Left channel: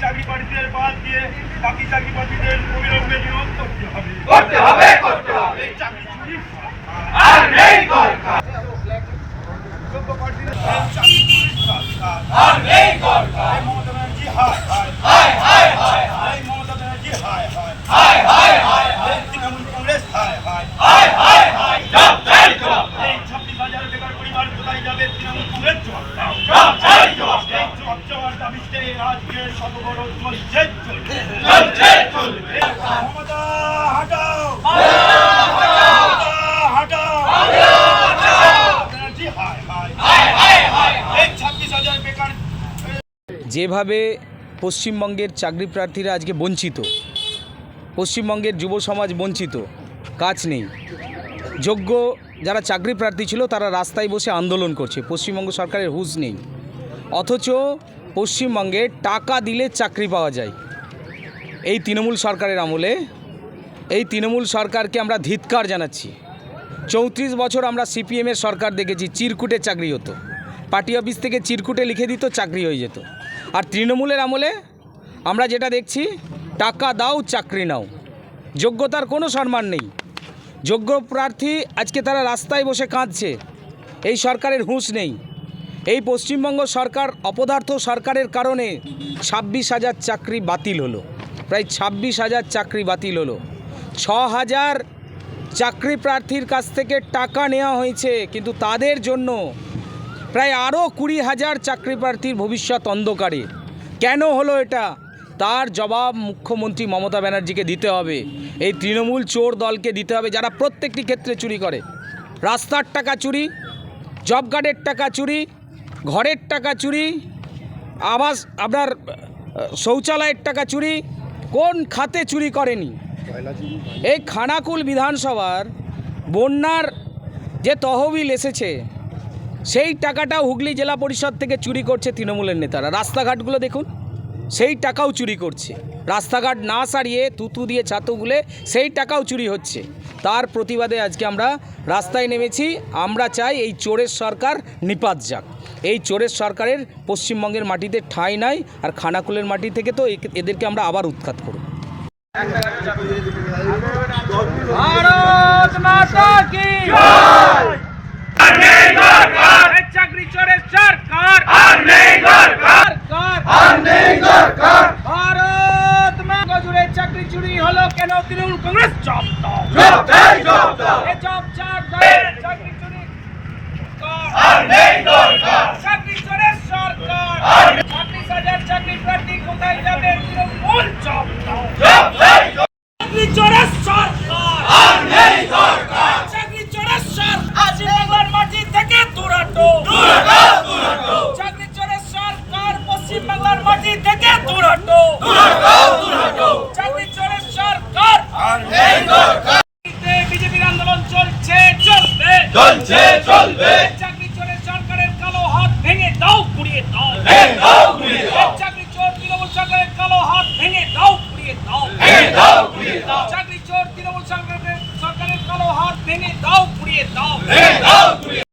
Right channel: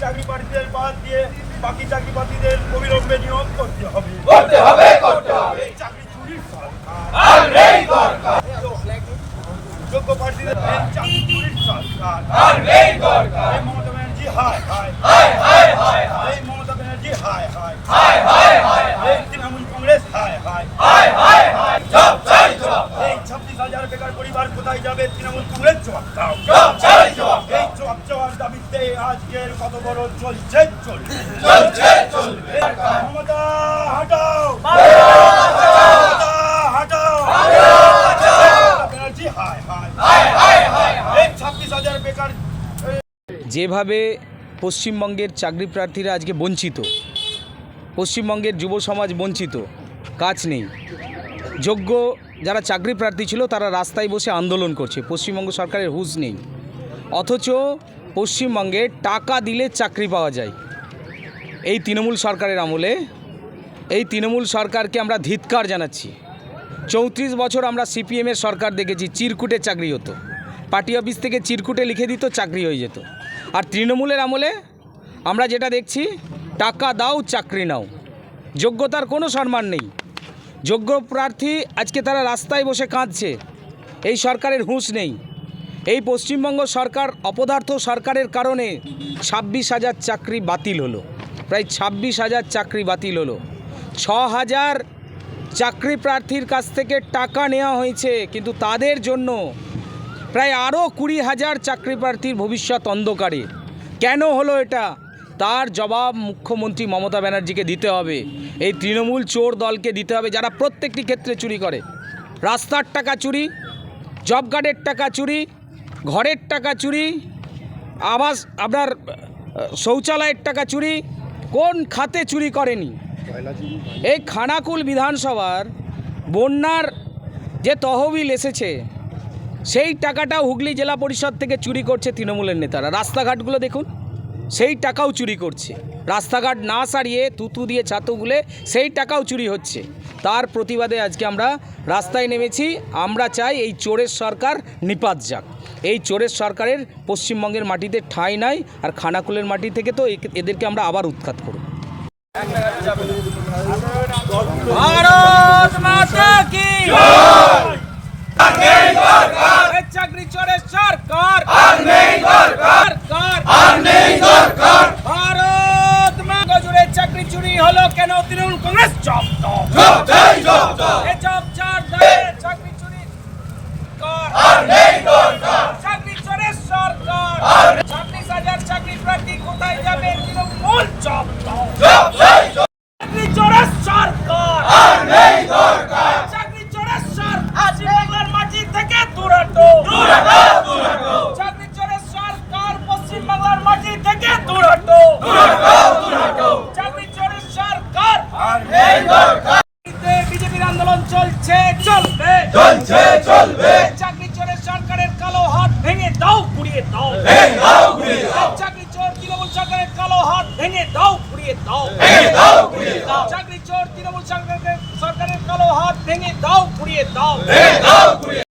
চাকরি প্রার্থীদের বাদ দিয়ে বাকি চাকরি প্রার্থীদের অবিলম্বে নিয়োগ করতে হবে করতে হবে করতে হবে চাকরি চুরির আর নেই দরকার। যোগ্য প্রার্থীদের চাকরি চুরির সরকার আর নেই দরকার মমতা ব্যানার্জি হায় হায় হায় এই মমতা ব্যানার্জি হায় হায় হায় হায় হায় এই তৃণমূল কংগ্রেস হায় হায় হায় হায় হায় জব চাই জবাব এই ছাব্বিশ হাজার বেকার পরিবার কোথায় যাবে তৃণমূল কংগ্রেস জবাব দাও জব চাই জবাব এই জবাব আজকের কত বড় চলছে। চলছে চলছে। চলবে এই হাটাও। মমতা হাটাও। ব্যানার্জি হায় হায়। এই ছাব্বিশ হাজার বেকার যেভাবে পশ্চিমবঙ্গের চাকরি প্রার্থীরা আজকে বঞ্চিত পশ্চিমবঙ্গের যুব সমাজ বঞ্চিত কাজ নেই। যোগ্য যারা চাকরি প্রার্থী ছিল তারা রাস্তায় বসে আন্দোলন করছে পশ্চিমবঙ্গ সরকারের হুঁশ নেই। অথচ পশ্চিমবঙ্গে টাকা দিলে চাকরি পাওয়া যায়। এই তৃণমূল সরকারের আমলে, এই তৃণমূল সরকারকে আমরা ধিৎকার জানাচ্ছি। চৌত্রিশ বছর আমরা সিপিএমের সরকার দেখেছি, চিরকুটে চাকরি হতো। পার্টি অফিস থেকে চিরকুটে লিখে দিত, চাকরি হয়ে যেত। আর তৃণমূলের আমলে আমরা যেটা দেখছি, টাকা দাও, চাকরি নাও। যোগ্যতার কোনো সম্মান নেই। যোগ্য প্রার্থী আজকে তারা রাস্তায় বসে কাঁদছে। এই সরকারের হুঁশ নেই। এই পশ্চিমবঙ্গ সরকার অপদার্থ সরকারের কারণে ছাব্বিশ হাজার চাকরি বাতিল হলো। প্রায় ছাব্বিশ হাজার চাকরি বাতিল হলো। ছ হাজার চাকরি প্রার্থীর কাছ থেকে টাকা নেওয়া হয়েছে, কিন্তু তাদের জন্য প্রায় আরও কুড়ি হাজার চাকরি প্রার্থীর ভবিষ্যৎ অন্ধকারে। কেন হলো এটা? তার জবাব মুখ্যমন্ত্রী মমতা ব্যানার্জিকে দিতে হবে। এই তৃণমূল চোর দলকে দিতে হবে যারা প্রত্যেকটি ক্ষেত্রে চুরি করে। রাস্তার টাকা চুরি, জব কার্ডের টাকা চুরি ঘরের টাকা চুরি, আবাস, আপনার শৌচালয়ের টাকা চুরি, কোন খাতে চুরি করেনি? এই খানাকুল বিধানসভার বন্যার যে তহবিল এসেছে, সেই টাকাটাও হুগলি জেলা পরিষদ থেকে চুরি করছে তৃণমূলের নেতারা। রাস্তাঘাটগুলো দেখুন, সেই টাকাও চুরি করছে। রাস্তাঘাট না সারিয়ে তুতু দিয়ে ছাতু ছাতুগুলে সেই টাকাও চুরি হচ্ছে। তার প্রতিবাদে আজকে আমরা রাস্তায় নেমেছি। আমরা চাই এই চোরের সরকার নিপাত যাক। এই চোরের সরকারের পশ্চিমবঙ্গের মাটিতে ঠাঁই নাই আর খানাকুলের মাটি থেকে তো একে- এদেরকে আমরা আবার উৎখাত করব। ভারত মাতা কি? আর নেই দরকার এই চাকরি চোরের সরকার। আর নেই দরকার। আর নেই দরকার। ভারত মাতা জুড়ে চাকরি চুরি হলো কেন? তৃণমূল কংগ্রেস জব দাও জব চাই জব দাও এই জব চার দায়ে চাকরি চুরি কর। আর নেই দরকার চাকরি চোরের সরকার ছাব্বিশ হাজার চাকরি প্রার্থী কোথায় যাবে তৃণমূল জব দাও। জব চাই চাকরি চোরের সরকার। আর নেই দরকার চাকরি চোরের সরকার। পশ্চিম বাংলার মাটি থেকে দূরাটো। দূর হটাও দূর হটাও চাকরি চোরের সরকার পশ্চিম বাংলার মাটি থেকে দূরাটো। দূর হটাও দূর হটাও চাকরি চোরের সরকার। আর নেই দরকার বিজেপির আন্দোলন চলছে চলবে। চলছে চলবে চাকরি চোরের সরকারের কালো হাত ভেঙে দাও পুড়িয়ে দাও ভেঙে দাও ঘুরিয়ে দাও চাকরি চোর তৃণমূল সরকারের কালো হাত ভেঙে দাও পুড়িয়ে দাও। ভেঙে দাও পুড়িয়ে দাও। চাকরি চোর তৃণমূল সরকারের সরকারের কালো হাত ভেঙে দাও পুড়িয়ে দাও। ভেঙে দাও ঘুরিয়ে